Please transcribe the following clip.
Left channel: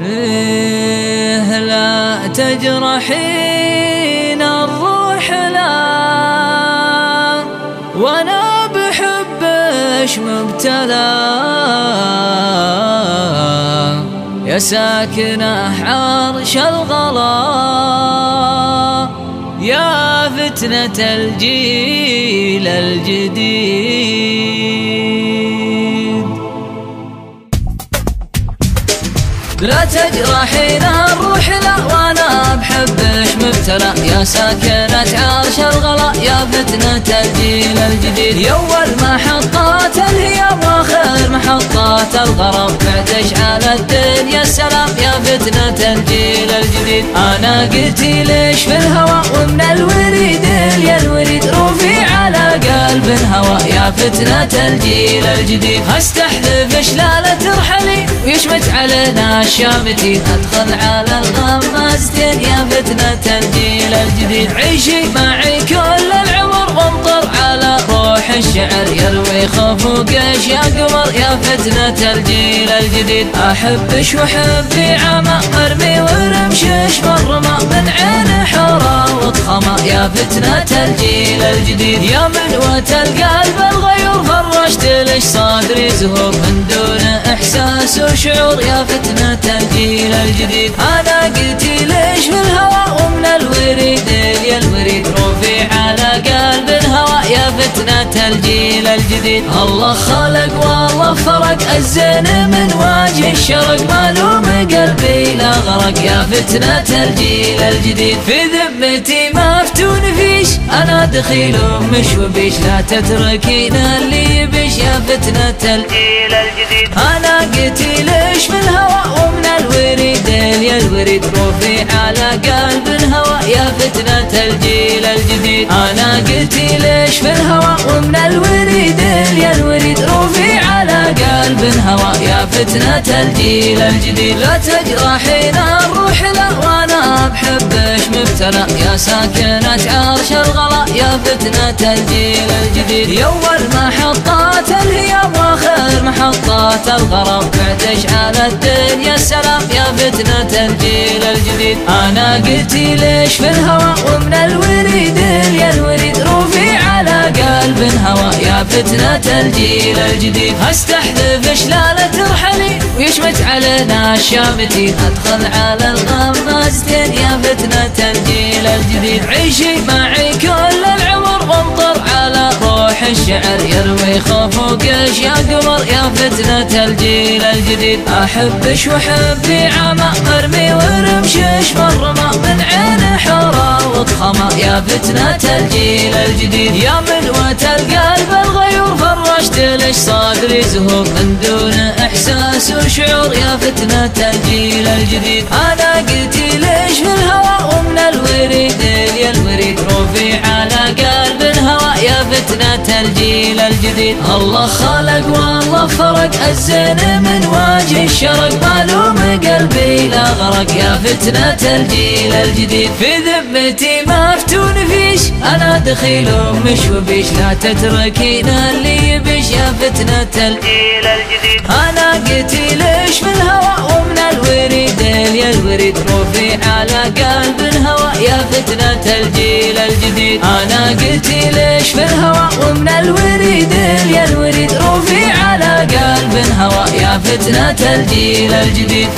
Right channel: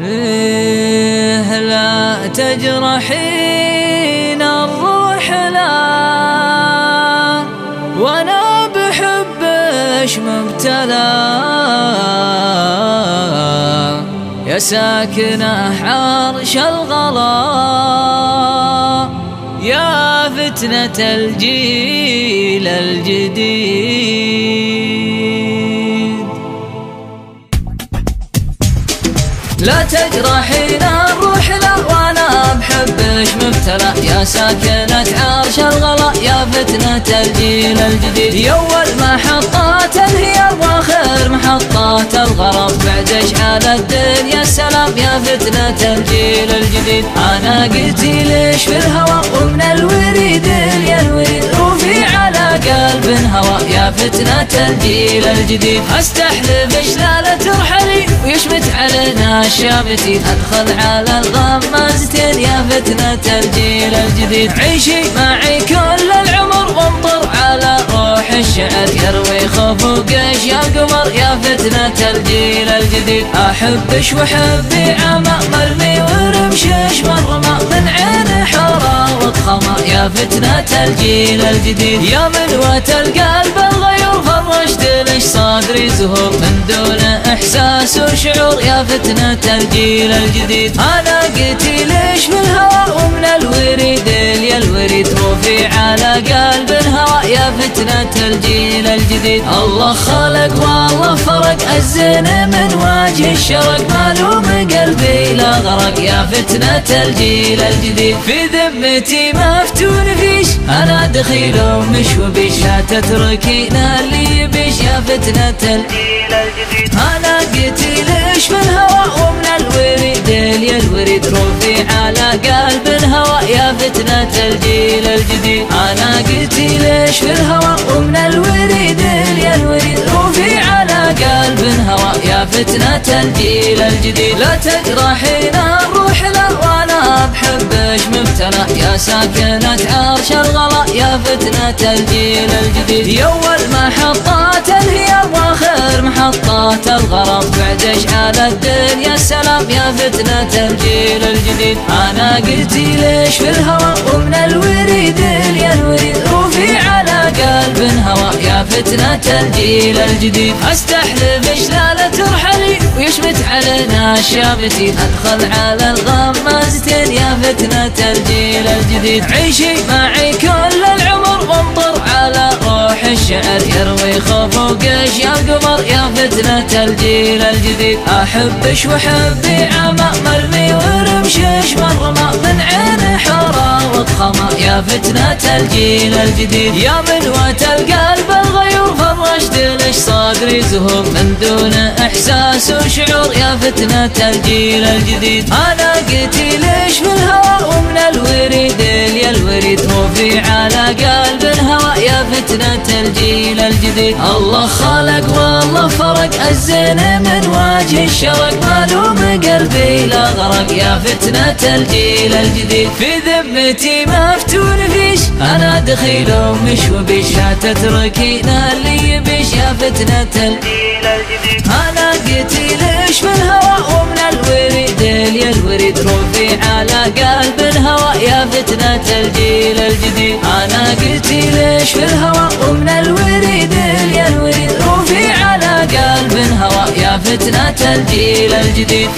لا تجرحين الروح لا، وانا بحبش مبتلى. يا ساكنة عرش الغلا، يا فتنة الجيل الجديد. لا تجرحين الروح لا، وانا بحبش مبتلى. يا ساكنة عرش الغلا، يا فتنة الجيل الجديد. يا أول محطات الهيام واخر محطات الغرب، بعد اشعال الدنيا السلام. يا فتنة الجيل الجديد. انا قلتي ليش في الهوى، ومن الوريد يا الوريد روفي على قلب هوى. يا فتنة الجيل الجديد. استحلف شلالة ترحلي ويشمت علينا الشامتين، ادخل على الغمازتين. يا فتنة الجيل الجديد. عيشي معي كل العمر وامطر على روح الشعر، يروي خفوقش يا قمر. يا فتنة الجيل الجديد. احبش وحبي عمى مرمي ورمشش مرمى، من عين حورة وضخمة. يا فتنة الجيل الجديد. يا منوة القلب الغيور فرشت لش صدري زهور، من دون احساس وشعور. يا فتنة الجيل الجديد. انا قلتي ليش في الهوى، ومن الوريد يا الوريد روفي على قلب هوى. يا فتنة الجيل الجديد. الله خلق والله فرق الزين من وجه الشرق، مالوم قلبي لا غرق. يا فتنة الجيل الجديد. في ذمتي ما فتون فيش، انا دخيل مش وبيش، لا تتركين اللي بيش. يا فتنة الجيل الجديد. انا قلتي ليش في الهوى، ومن الوريد يا الوريد روفي على قلب هوى. يا فتنة الجيل الجديد. انا قلتي ليش في الهوى، ومن الوريد يا الوريد روفي على قلب هوى. يا فتنة الجيل الجديد. لا تجرحين الروح لا، وانا بحبش مبتلى. يا ساكنة عرش الغلا، يا فتنة الجيل الجديد. يا أول محطات الهيام واخر محطات الغرب، بعد اشعال الدنيا السلام. يا فتنة الجيل الجديد. انا قلتي ليش في الهوى، ومن الوريد يا الوريد روفي على قلب هوى. يا فتنة الجيل الجديد. استحلف شلالة ترحلي ويشمت علينا الشامتين، ادخل على الغمازتين. يا فتنة الجيل الجديد. عيشي معي كل العمر وامطر على روح الشعر، يروي خفوقش يا قمر. يا فتنة الجيل الجديد. احبش وحبي عمى مرمي ورمشش مرمى، من عين حورة وضخمة. يا فتنة الجيل الجديد. يا منوة القلب الغيور فرشت لش صدري زهور، من دون احساس وشعور. يا فتنة الجيل الجديد. انا قلتي ليش في الهوى، ومن الوريد يا الوريد روفي على قلب هوى. يا فتنة الجيل الجديد. الله خلق والله فرق الزين من وجه الشرق، مالوم قلبي لا غرق. يا فتنة الجيل الجديد. في ذمتي ما فتون فيش، انا دخيل مش وبيش، لا تتركين اللي يبيش. يا فتنة الجيل الجديد. انا قلتي ليش في الهوى، ومن الوريد يا الوريد روفي على قلب هوى. يا فتنة الجيل الجديد. انا قلتي ليش في الهوى، ومن الوريد يا الوريد روفي على قلب هوى. يا فتنة الجيل الجديد.